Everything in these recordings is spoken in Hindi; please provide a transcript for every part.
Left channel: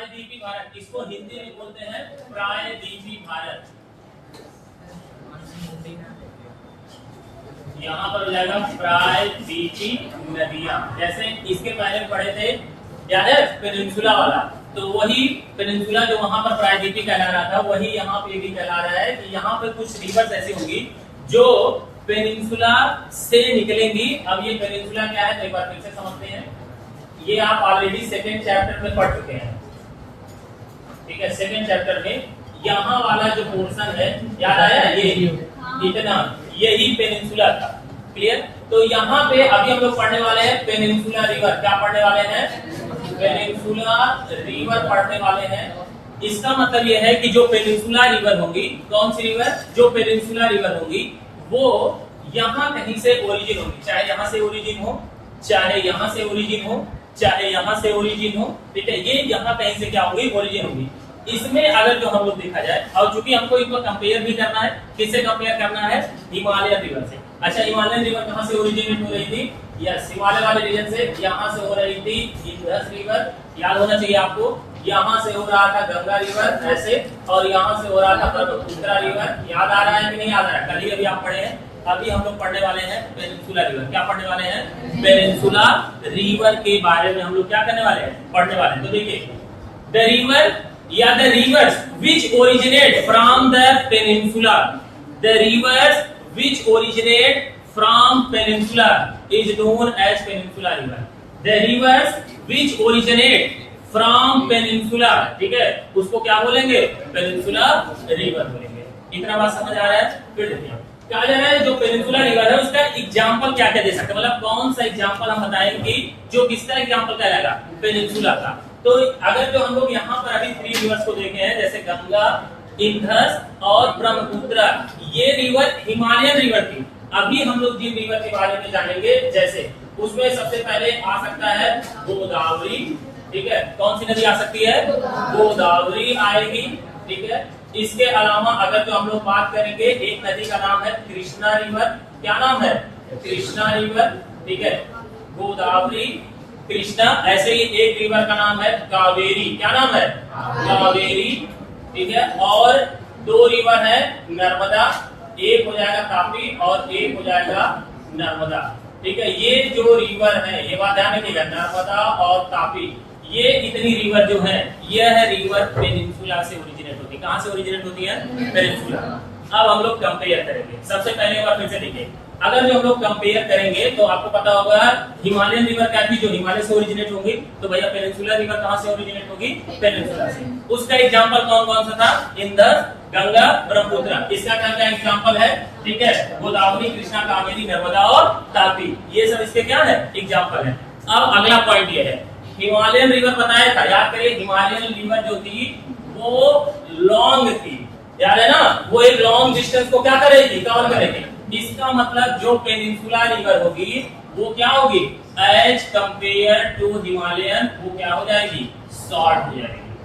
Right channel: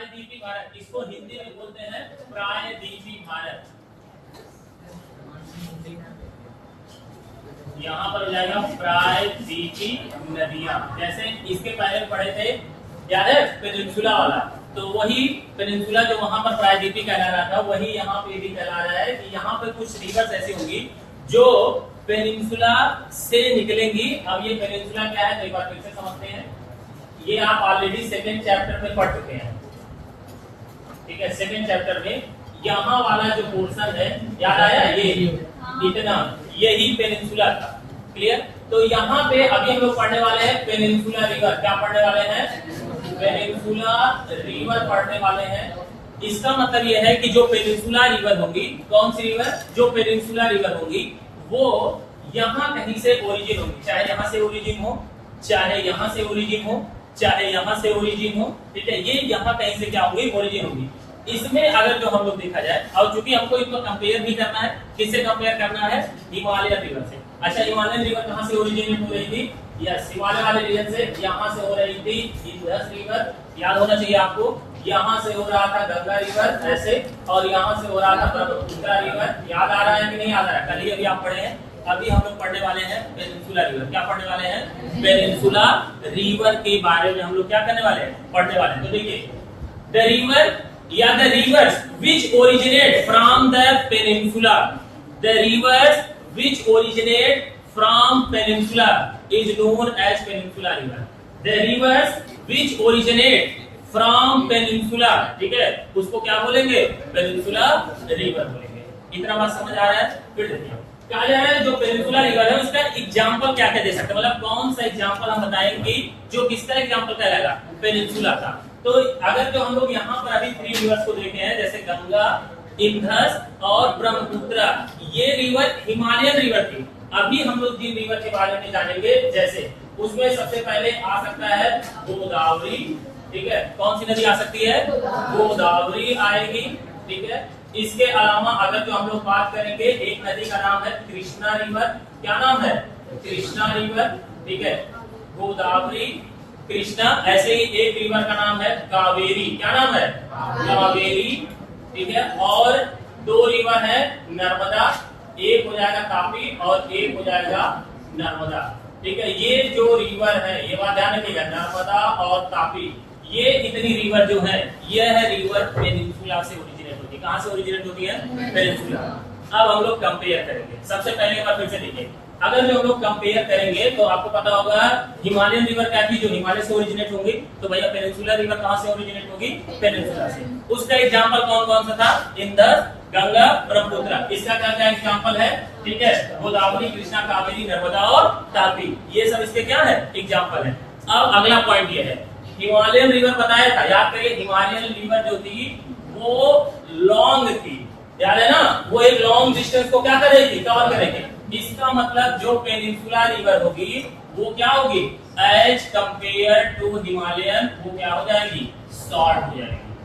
प्रायद्वीपी भारत, इसको हिंदी में बोलते हैं प्रायद्वीपी भारत। यहाँ पर हो जाएगा प्रायद्वीपी नदियां। जैसे इसके पहले पढ़े थे याद है पेनिनसुला वाला, तो वही पेनिनसुला जो वहां पर प्रायद्वीपी कहला रहा था वही यहाँ पे भी कहला रहा है कि यहाँ पे कुछ रिवर्स ऐसी होंगी जो पेनिनसुला से निकलेंगी। अब ये पेनिनसुला क्या है तो एक बार फिर से समझते हैं। ये आप ऑलरेडी सेकंड चैप्टर में पढ़ चुके हैं, ठीक है। सेकंड चैप्टर में यहाँ वाला जो पोर्शन है याद आया, ये इतना यही पेनिनसुला था, क्लियर। तो यहाँ पे अभी हम लोग पढ़ने वाले हैं पेनिनसुला रिवर। क्या पढ़ने वाले हैं? पेनिनसुला रिवर पढ़ने वाले हैं। इसका मतलब यह है कि जो पेनिनसुला रिवर होंगी, कौन सी रिवर? जो पेनिनसुला रिवर होंगी वो यहाँ कहीं से ओरिजिन होगी, चाहे यहाँ से ओरिजिन हो, चाहे यहाँ से ओरिजिन हो, चाहे यहाँ से ओरिजिन हो, ठीक है। ये यहाँ कहीं से क्या होगी? ओरिजिन होगी। इसमें अगर जो हम लोग देखा जाए, और चूंकि हमको इनको कंपेयर भी करना है, किससे कंपेयर करना है? हिमालयन रिवर से। अच्छा, हिमालयन रिवर कहाँ से ओरिजिनेट हो रही थी? यस, हिमालय वाले रीजन से यहाँ से हो रही थी इंडस रिवर, याद होना चाहिए आपको। यहाँ से हो रहा था गंगा रिवर ऐसे, और यहाँ से हो रहा था ब्रह्मपुत्र रिवर। याद आ रहा है कि नहीं याद आ रहा है? कल ही अभी आप पढ़े हैं। अभी हम लोग पढ़ने वाले हैं पेनिनसुला रिवर। क्या पढ़ने वाले हैं? पेनिनसुला रिवर के बारे में हम लोग क्या करने वाले हैं? पढ़ने वाले हैं। तो देखिए, द रिवर या the rivers which originate from the peninsula, the rivers which originate from peninsula is known as peninsula river. The rivers which originate from peninsula, ठीक है, उसको क्या बोलेंगे? पेनिनसुला रिवर बोलेंगे। इतना बात समझ आ रहा है? फिर देखिए क्या जा रहा है, जो पेनिनसुला रिवर है उसका एग्जाम्पल क्या क्या दे सकते हैं, मतलब कौन सा एग्जाम्पल हम बताएंगे जो किसका एग्जाम्पल कहलाएगा? पेनिनसुला का। तो अगर जो हम लोग यहाँ पर अभी 3 रिवर्स को देखे हैं, जैसे गंगा, इंडस और ब्रह्मपुत्र, ये रिवर हिमालयन रिवर थी। अभी हम लोग जिन रिवर के बारे में जानेंगे, जैसे उसमें सबसे पहले आ सकता है गोदावरी, ठीक है। कौन सी नदी आ सकती है? गोदावरी आएगी, ठीक है। इसके अलावा अगर जो हम लोग बात करेंगे, एक नदी का नाम है कृष्णा रिवर। क्या नाम है? कृष्णा रिवर, ठीक है। गोदावरी, कृष्णा, ऐसे ही एक रिवर का नाम है कावेरी। क्या नाम है? कावेरी, ठीक है। और 2 रिवर है नर्मदा, एक हो जाएगा तापी और एक हो जाएगा नर्मदा, ठीक है। ये जो रिवर है, ये बात ध्यान रखिएगा, नर्मदा और तापी, ये इतनी रिवर जो है, यह है रिवर पेनिनसुला से ओरिजिनेट होती है। कहाँ से ओरिजिनेट होती है? पेनिनसुला। अब हम लोग कंपेयर करेंगे। सबसे पहले एक बार फिर से देखिए, अगर जो हम लोग कंपेयर करेंगे तो आपको पता होगा हिमालयन रिवर क्या थी, जो हिमालय से ओरिजिनेट होंगी, तो भैया पेनिनसुला रिवर कहाँ से ओरिजिनेट होगी? पेनिनसुला से। उसका एग्जांपल कौन कौन सा था? इंदस, गंगा, ब्रह्मपुत्र। इसका क्या क्या एग्जांपल है? ठीक है, गोदावरी, कृष्णा, कावेरी, नर्मदा और तापी, ये सब इसके क्या है? एग्जाम्पल है। अब अगला पॉइंट ये है, हिमालयन रिवर बताया था, याद करिए, हिमालयन रिवर जो थी वो लॉन्ग थी, याद है ना, वो एक लॉन्ग डिस्टेंस को क्या करेगी? कवर करेगी। इसका मतलब जो पेनिनसुला रिवर होगी वो क्या होगी? एज कंपेयर टू हिमालयन, वो क्या हो जाएगी? शॉर्ट हो जाएगी,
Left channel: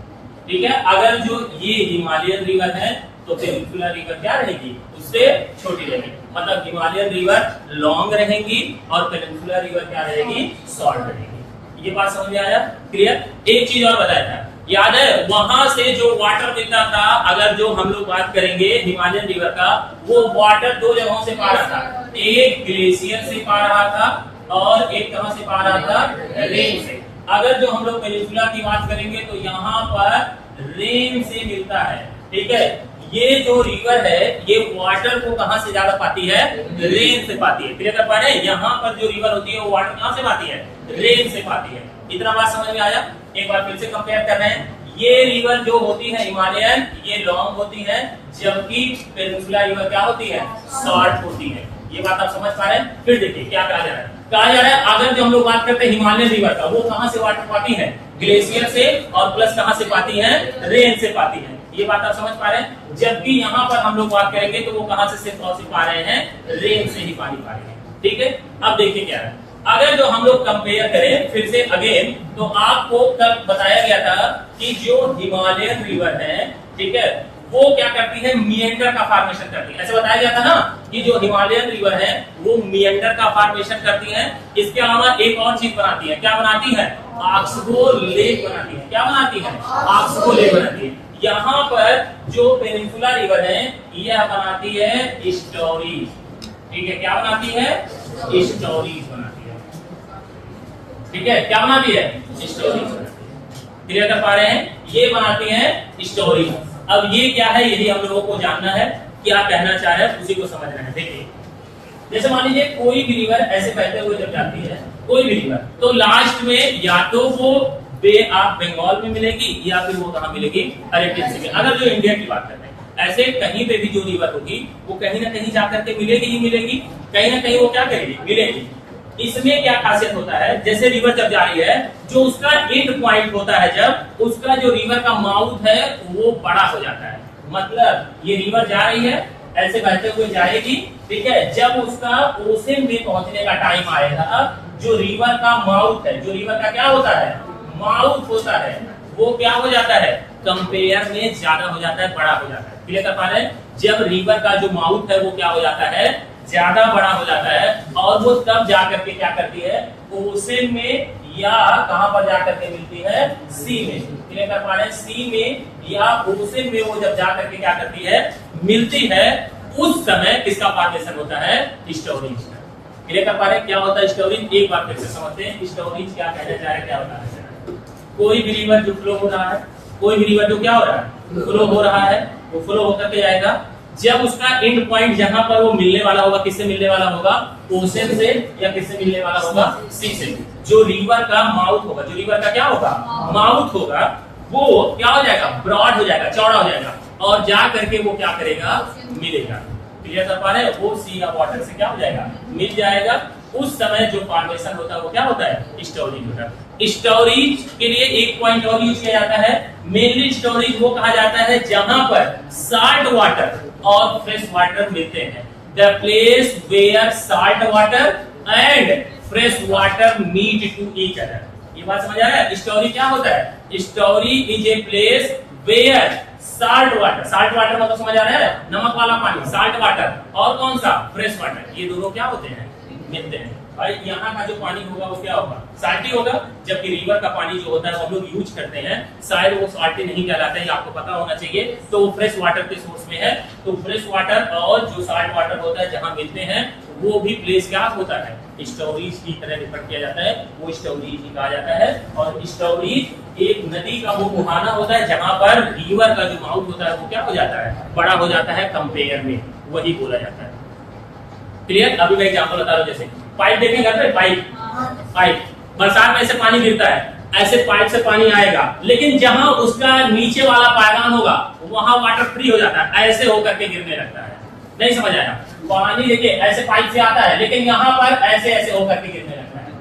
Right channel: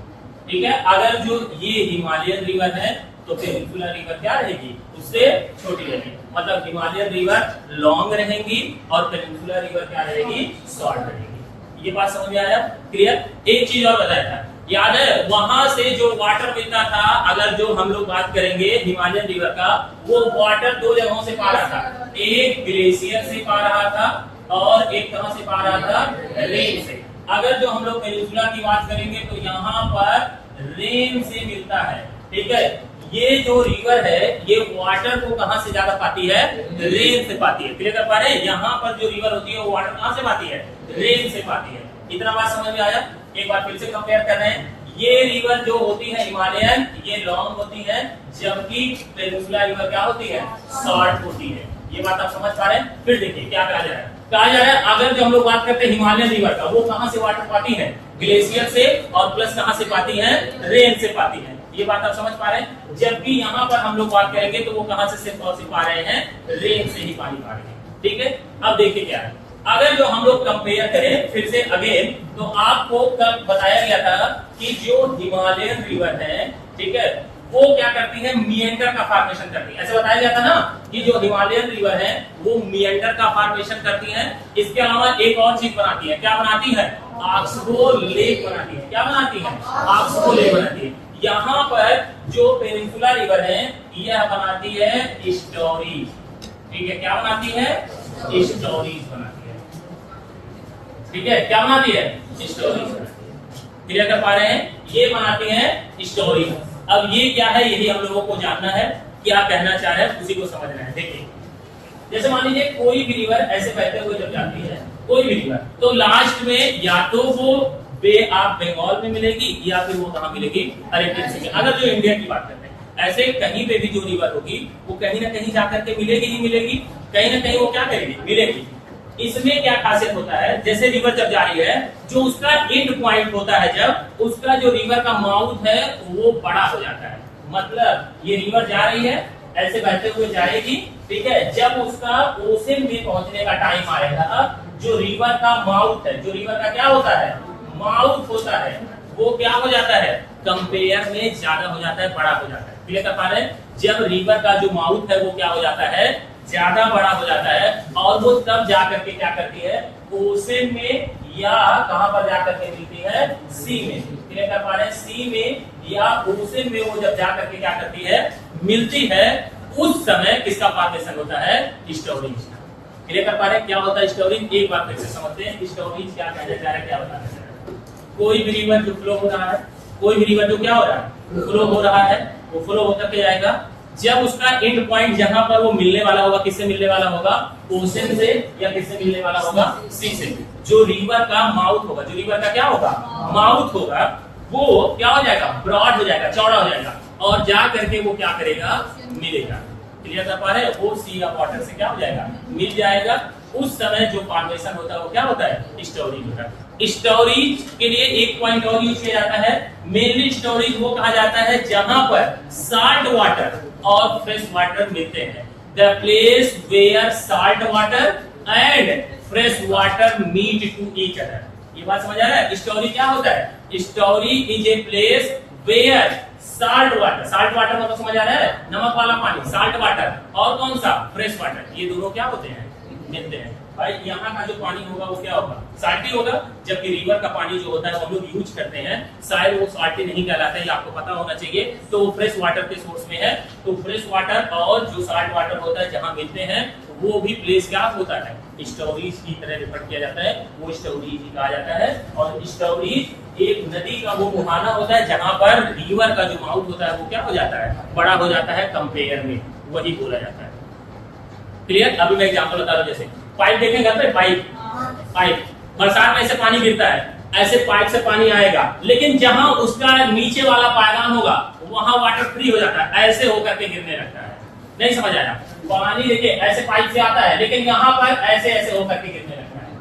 ठीक है। अगर जो ये हिमालयन रिवर है तो पेनिनसुला रिवर क्या रहेगी? उससे छोटी रहेगी। मतलब हिमालयन रिवर लॉन्ग रहेंगी और पेनिनसुला रिवर क्या रहेगी? शॉर्ट रहेगी। ये बात समझ में आया? क्लियर। एक चीज और बताया था, याद है, वहां से जो वाटर मिलता था, अगर जो हम लोग बात करेंगे हिमालयन रिवर का, वो वाटर 2 जगहों से पा रहा था। एक ग्लेशियर से पा रहा था और एक कहां से पा रहा था? रेन से। अगर जो हम लोग पेनिनसुला की बात करेंगे तो यहाँ पर रेन से मिलता है, ठीक है। ये जो रिवर है ये वाटर को कहां से ज्यादा पाती है? रेन से पाती है। क्लियर कर पा रहे हैं? यहाँ पर जो रिवर होती है वो वाटर कहां से पाती है? रेन से पाती है। इतना बात समझ में आया? एक बार फिर से कंपेयर कर रहे हैं, ये रिवर जो होती है हिमालयन, ये लॉन्ग होती है, जबकि पेनिनसुला रिवर क्या होती है? शॉर्ट होती है। ये बात आप समझ पा रहे हैं? फिर देखिए क्या कहा जा रहा है। कहा जा रहा है अगर जो हम लोग बात करते हैं हिमालयन रिवर का, वो कहां से वाटर पाती है? ग्लेशियर से, और प्लस कहां से पाती है? रेन से पाती है। ये बात आप समझ पा रहे हैं? जबकि यहाँ पर हम लोग बात करेंगे तो वो कहां से सिर्फ पा रहे हैं? रेन से ही पानी पा रहे हैं, ठीक है। अब देखिए क्या है, अगर जो हम लोग कंपेयर करें फिर से अगेन, तो आपको कल बताया गया था कि जो हिमालयन रिवर है, ठीक है, वो क्या करती है, मिएंडर का फॉर्मेशन करती है। ऐसे बताया गया था ना कि जो हिमालयन रिवर है वो मिएंडर का फॉर्मेशन करती है। इसके अलावा एक और चीज बनाती है, क्या बनाती है, ऑक्सबो लेक बनाती है। क्या बनाती है, ऑक्सबो लेक बनाती है। यहाँ पर जो पेनिनसुला रिवर है यह बनाती है स्टोरीज, ठीक है, क्या बनाती है, स्टोरीज बनाती है, ठीक है, क्या बनाती है, स्टोरीज बनाती है। क्लियर कर पा रहे हैं, ये बनाती है स्टोरीज। अब ये क्या है, यही हम लोगों को जानना है, क्या कहना चाह रहे हैं उसी को समझना है। देखिए जैसे मान लीजिए कोई भी रिवर ऐसे बहते हुए जब जाती है, कोई भी रिवर, तो लास्ट में या तो वो बे ऑफ बंगाल में मिलेगी या फिर वो कहां मिलेगी, अरेबियन सी में। अगर जो इंडिया की बात करते हैं, ऐसे कहीं पे भी जो रिवर होगी वो कहीं ना कहीं जाकर के मिलेगी ही मिलेगी, कहीं ना कहीं वो क्या करेगी, मिलेगी। इसमें क्या खासियत होता है, जैसे रिवर जब जा रही है, जो उसका एंड पॉइंट होता है, जब उसका जो रिवर का माउथ है वो बड़ा हो जाता है। मतलब ये रिवर जा रही है, ऐसे बहते हुए जाएगी, ठीक है, जब उसका ओशन में पहुंचने का टाइम आएगा, जो रिवर का माउथ है, जो रिवर का क्या होता है, माउथ होता है, वो क्या हो जाता है, कंपेयर में ज्यादा हो जाता है, बड़ा हो जाता है। क्लियर कर पा रहे हैं, जब रिवर का जो माउथ है वो क्या हो जाता है, ज्यादा बड़ा हो जाता है, और वो तब जाकर के क्या करती है, ओशन में या कहां पर जाकर के मिलती है, सी में। क्लियर कर पा रहे हैं, सी में या ओशन में वो जब जाकर के क्या करती है, मिलती है, उस समय किसका फॉर्मेशन होता है, स्टोरीज का। क्लियर कर पा रहे हैं, क्या होता है स्टोरीज, एक बार फिर से समझते हैं स्टोरीज क्या कहना चाह रहे हैं, क्या होता है। कोई भी रिवर जो फ्लो हो रहा है, कोई भी रिवर जो क्या हो रहा है, फ्लो हो रहा है, वो फ्लो होकर के जाएगा, जब उसका एंड पॉइंट जहां पर वो मिलने वाला होगा, किससे मिलने वाला होगा, ओशन से, या किससे मिलने वाला होगा, सी से। जो रिवर का माउथ होगा, जो रिवर का क्या होगा, माउथ होगा, वो क्या हो जाएगा, ब्रॉड हो जाएगा, चौड़ा हो जाएगा, और जा करके वो क्या करेगा, मिलेगा। क्लियर कर पा रहे हैं, वो सी या वाटर से क्या हो जाएगा, मिल जाएगा। उस समय जो फॉर्मेशन होता है वो क्या होता है, स्टोरीज होता है। स्टोरीज के लिए एक पॉइंट और यूज किया जाता है, मेनली स्टोरीज वो कहा जाता है जहां पर साल्ट वाटर और फ्रेश वाटर मिलते हैं। The place where salt water and fresh water meet to each other. ये बात समझ आ रहा है, स्टोरी क्या होता है, story is a place where salt water मतलब समझ आ रहा है, नमक वाला पानी, साल्ट वाटर, और कौन सा, फ्रेश वाटर, ये दोनों क्या होते हैं, मिलते हैं। भाई यहाँ का जो पानी होगा वो क्या होगा, साल्टी होगा, जबकि रिवर का पानी जो होता है हम लोग यूज करते हैं, शायद वो साल्टी नहीं कहलाता है, ये आपको पता होना चाहिए। तो वो फ्रेश वाटर के सोर्स में है, तो फ्रेश वाटर और जो साल्ट वाटर होता है जहाँ मिलते हैं, वो भी प्लेस क्या होता है, स्टोरीज की तरह रिफर किया जाता है, वो स्टोरीज ही कहा जाता है। और स्टोरीज एक नदी का वो मुहाना होता है जहां पर रिवर का जो माउथ होता है वो क्या हो जाता है, बड़ा हो जाता है कंपेयर में, वही बोला जाता है। क्लियर। अभी मैं एग्जांपल बता रहा हूं, जैसे पाइप देखें घर पे, पाइप बरसात में ऐसे पानी गिरता है, ऐसे पाइप से पानी आएगा, लेकिन जहां उसका नीचे वाला पायदान होगा वहां वाटर फ्री हो जाता है, ऐसे होकर के गिरने लगता है। नहीं समझ आया, पानी देखिए ऐसे पाइप से आता है, लेकिन यहाँ पर ऐसे ऐसे होकर के गिरने लगता है।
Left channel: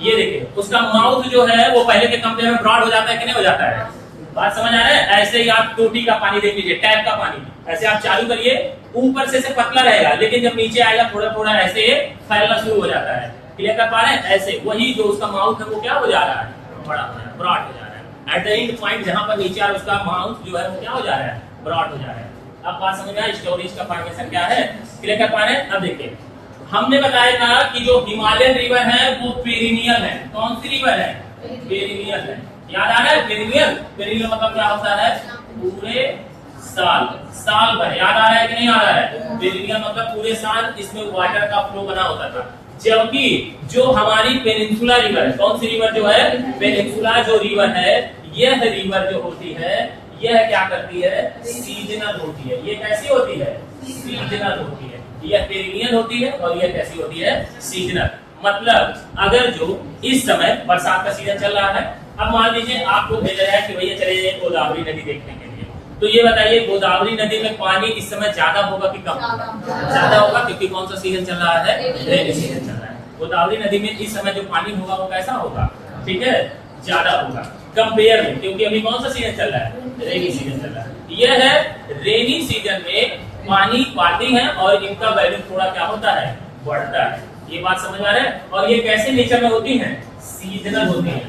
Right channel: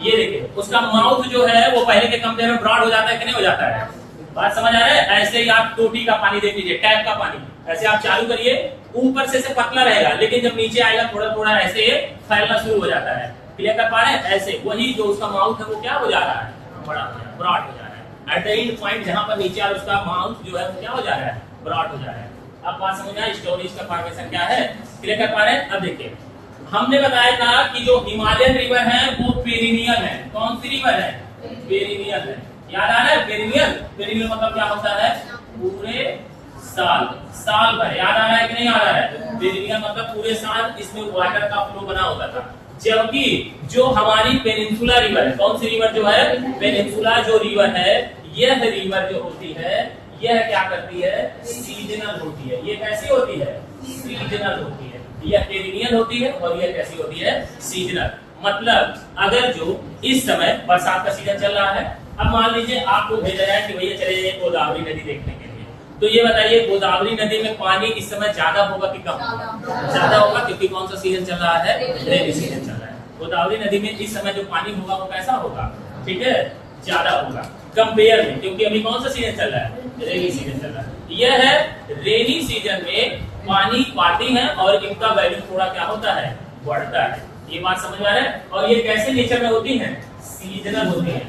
ये देखिए उसका माउथ जो है वो पहले के कंपेयर में ब्रॉड हो जाता है कि नहीं हो जाता है, बात समझ आ रहा है। ऐसे ही आप टोटी का पानी देख लीजिए, टैप का पानी, ऐसे आप चालू करिए, ऊपर से पतला रहेगा, लेकिन जब नीचे आएगा थोड़ा थोड़ा ऐसे फैलना शुरू हो जाता है। क्लियर कर पा रहे हैं, ऐसे वही जो उसका माउथ है वो क्या हो जा रहा है, बड़ा ब्रॉड हो जा रहा है। एट द एंड पॉइंट जहां पर नीचे उसका माउथ जो है वो क्या हो जा रहा है, ब्रॉड हो जा रहा है। अब बात समझ में आई, स्टोरीज का फॉर्मेशन क्या है, क्लियर कर पा रहे हैं। अब देखिए हमने बताया था कि जो हिमालयन रिवर है वो पेरिनियल है। कौन सी रिवर है, पेरिनियल है। याद आ रहा है, पेरिनियल मतलब क्या होता है, पूरे साल भर। याद आ रहा है कि नहीं आ रहा है, पेरिनियल मतलब पूरे साल इसमें वाटर का फ्लो बना होता था। जबकि जो हमारी पेनिनसुला रिवर है, कौन सी रिवर जो है, पेनिनसुला जो रिवर है, यह रिवर जो होती है यह क्या करती है, सीजनल होती है। ये कैसी होती है, सीजनल होती है। यह पेरिनियल होती है और यह कैसी होती है, सीजनल। मतलब अगर जो इस समय बरसात का सीजन चल रहा है, अब मान लीजिए आपको भेजा जाए कि भैया चले जाइए गोदावरी नदी देखने के लिए, तो ये बताइए गोदावरी नदी में पानी इस समय ज्यादा होगा कि कम होगा, ज्यादा होगा, क्योंकि कौन सा सीजन चल रहा है, रेनी सीजन चल रहा है। गोदावरी नदी में इस समय जो पानी होगा वो कैसा होगा, ठीक है, ज्यादा होगा कंपेयर में, क्योंकि अभी कौन सा सीजन चल रहा है, रेनी सीजन चल रहा है। यह है रेनी सीजन में पानी पाती है और इनका वैल्यू थोड़ा क्या होता है, बढ़ता है। ये बात समझ आ रहा है। और ये कैसे नेचर में होती है, सीजनल होती है।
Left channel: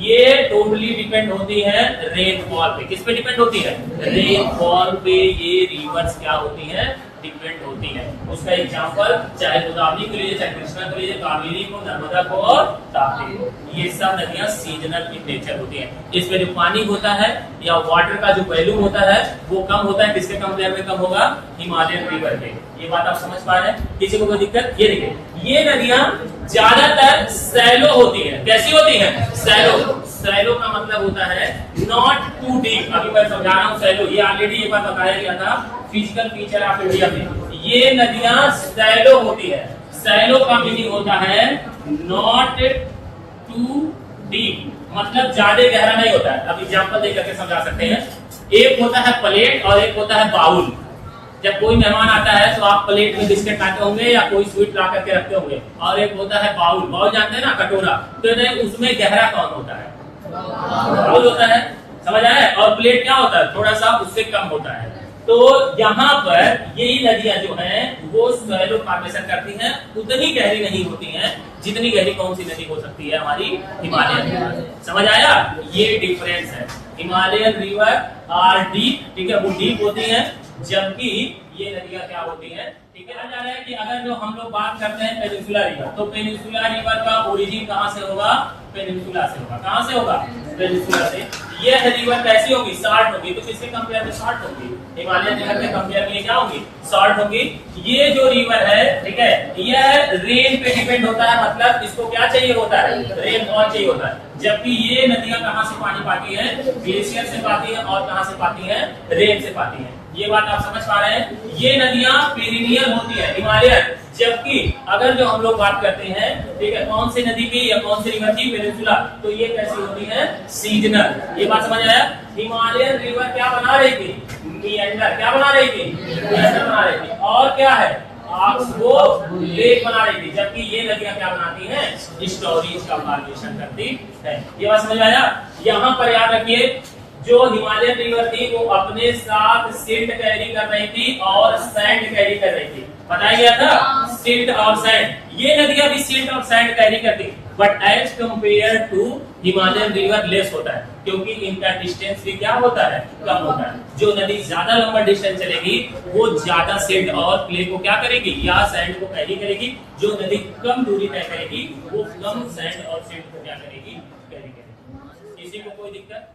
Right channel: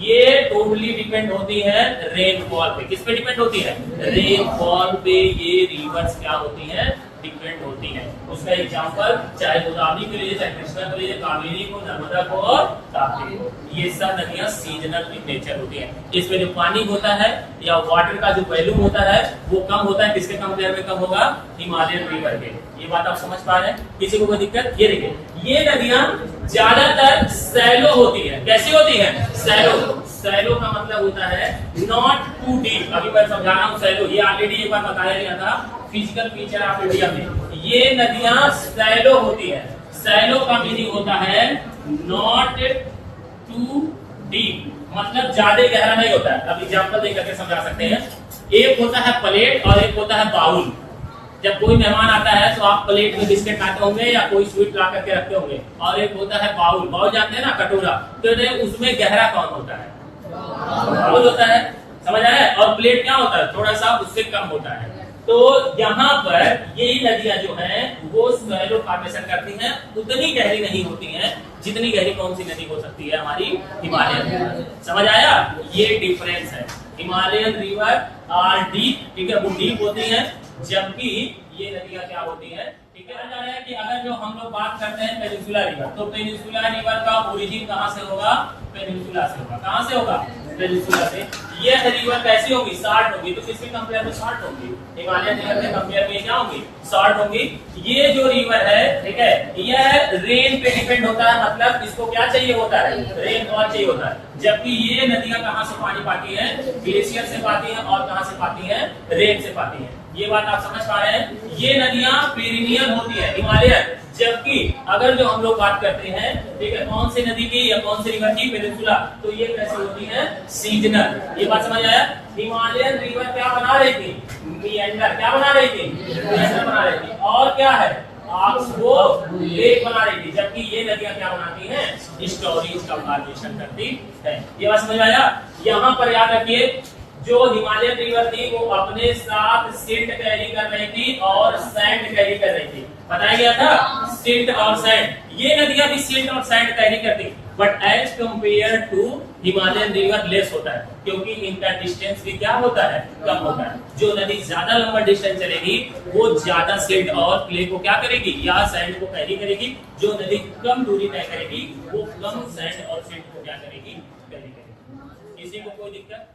ये टोटली डिपेंड होती है रेनफॉल पे। किस पे डिपेंड होती है? रेनफॉल पे ये रिवर्स क्या होती है? डिपेंड होती है। उसका एग्जांपल चाहे गोदावरी को लीजिए, चाहे कृष्णा को लीजिए, कावेरी को, नर्मदा को और ताप्ती को, ये सब नदियां सीजनल इन नेचर होती हैं। इसमें जो पानी होता है या वाटर का जो वैल्यू होता है वो कम होता है। किसके कंपेयर में कम होगा? हिमालयन रिवर के। ये बात आप समझ पा रहे हैं? किसी को कोई दिक्कत? ये देखिए, ये नदियां ज्यादातर सैलो होती है। कैसी होती है? सैलो। सैलो का मतलब होता है नॉट टू डीप। अभी मैं समझा रहा हूँ सैलो, ये ऑलरेडी एक बार बताया गया था फिजिकल फीचर ऑफ इंडिया में। ये नदियां सैलो होती है। सैलो का मीनिंग होता है नॉट टू डीप, मतलब ज्यादा गहरा नहीं होता है। अब एग्जांपल दे करके समझा सकते हैं। एक होता है प्लेट और एक होता है बाउल। जब कोई मेहमान आता है तो आप प्लेट में बिस्किट लाते होंगे या कोई स्वीट ला करके रखते होंगे, और एक होता है बाउल। बाउल जानते हैं ना, कटोरा। तो उसमें गहरा कौन होता है? बाउल होता है। समझ आया? और प्लेट क्या होता है? थोड़ा सा उससे कम होता है। तो यहाँ पर यही नदियां जो हैं वो सैलो फॉर्मेशन करती हैं, उतनी गहरी नहीं होती हैं जितनी गहरी कौन सी नदी हो सकती है? हमारी हिमालयन रिवर। समझ आया? ये डिफरेंस है। हिमालयन रिवर आर डीप, ठीक है, वो डीप होती है, जबकि ये नदियां क्या होती हैं? ठीक है, जा रहा है कि अगर जो हम लोग बात करते हैं पेनिनसुला रिवर, तो पेनिनसुला रिवर का ओरिजिन कहाँ से होगा? पेनिनसुला से होगा। कहाँ से होगा? पेनिनसुला से। ये रिवर कैसी होगी? शॉर्ट होगी। तो किसके कंपेयर में शॉर्ट होगी? हिमालयन रिवर के कंपेयर में क्या होगी? शॉर्ट होगी। ये जो रिवर है, ठीक है, यह रेन पे डिपेंड होता है, मतलब इसको क्या चाहिए होता है? रेनफॉल चाहिए होता है। जबकि ये नदियां कहाँ से पानी पाती हैं? ग्लेशियर से पाती हैं। और कहाँ से पाती हैं? रेन से पाती हैं। ये बात आप समझ पा रहे हैं? ये नदियां पेरिनियल होती है, हिमालयन। जबकि अगर जो हम लोग बात करते हैं, ठीक है, कौन सी नदी की या कौन सी रिवर की? पेनिनसुला। तो ये कैसी होती है? सीजनल। ये बात समझ आया? हिमालयन रिवर क्या बना रही थी? मिएंडर। क्या बना रही थी? मिएंडर बना रही थी। और क्या है? ऑक्सबो लेक बना रही थी। जबकि ये नदियां क्या बनाती हैं? स्टोरेज का फॉर्मेशन करती है। ये बात समझ आया? यहाँ पर याद रखिए, जो हिमालयन रिवर थी वो अपने साथ सिल्ट कैरी कर रही थी और सैंड कैरी कर रही थी। बताया गया था सिल्ट और सैंड। ये नदियां भी सिल्ट और सैंड कैरी करती, but as compare to Himalayan river less होता है, क्योंकि इनका डिस्टेंस भी क्या होता है? कम होता है। जो नदी ज्यादा लंबा डिस्टेंस चलेगी वो ज्यादा सिल्ट और क्ले को क्या करेगी? या सैंड को कैरी करेगी। जो नदी कम दूरी तय करेगी वो कम सैंड और सिल्ट को क्या करेगी? कैरी करेगी। किसी को कोई दिक्कत?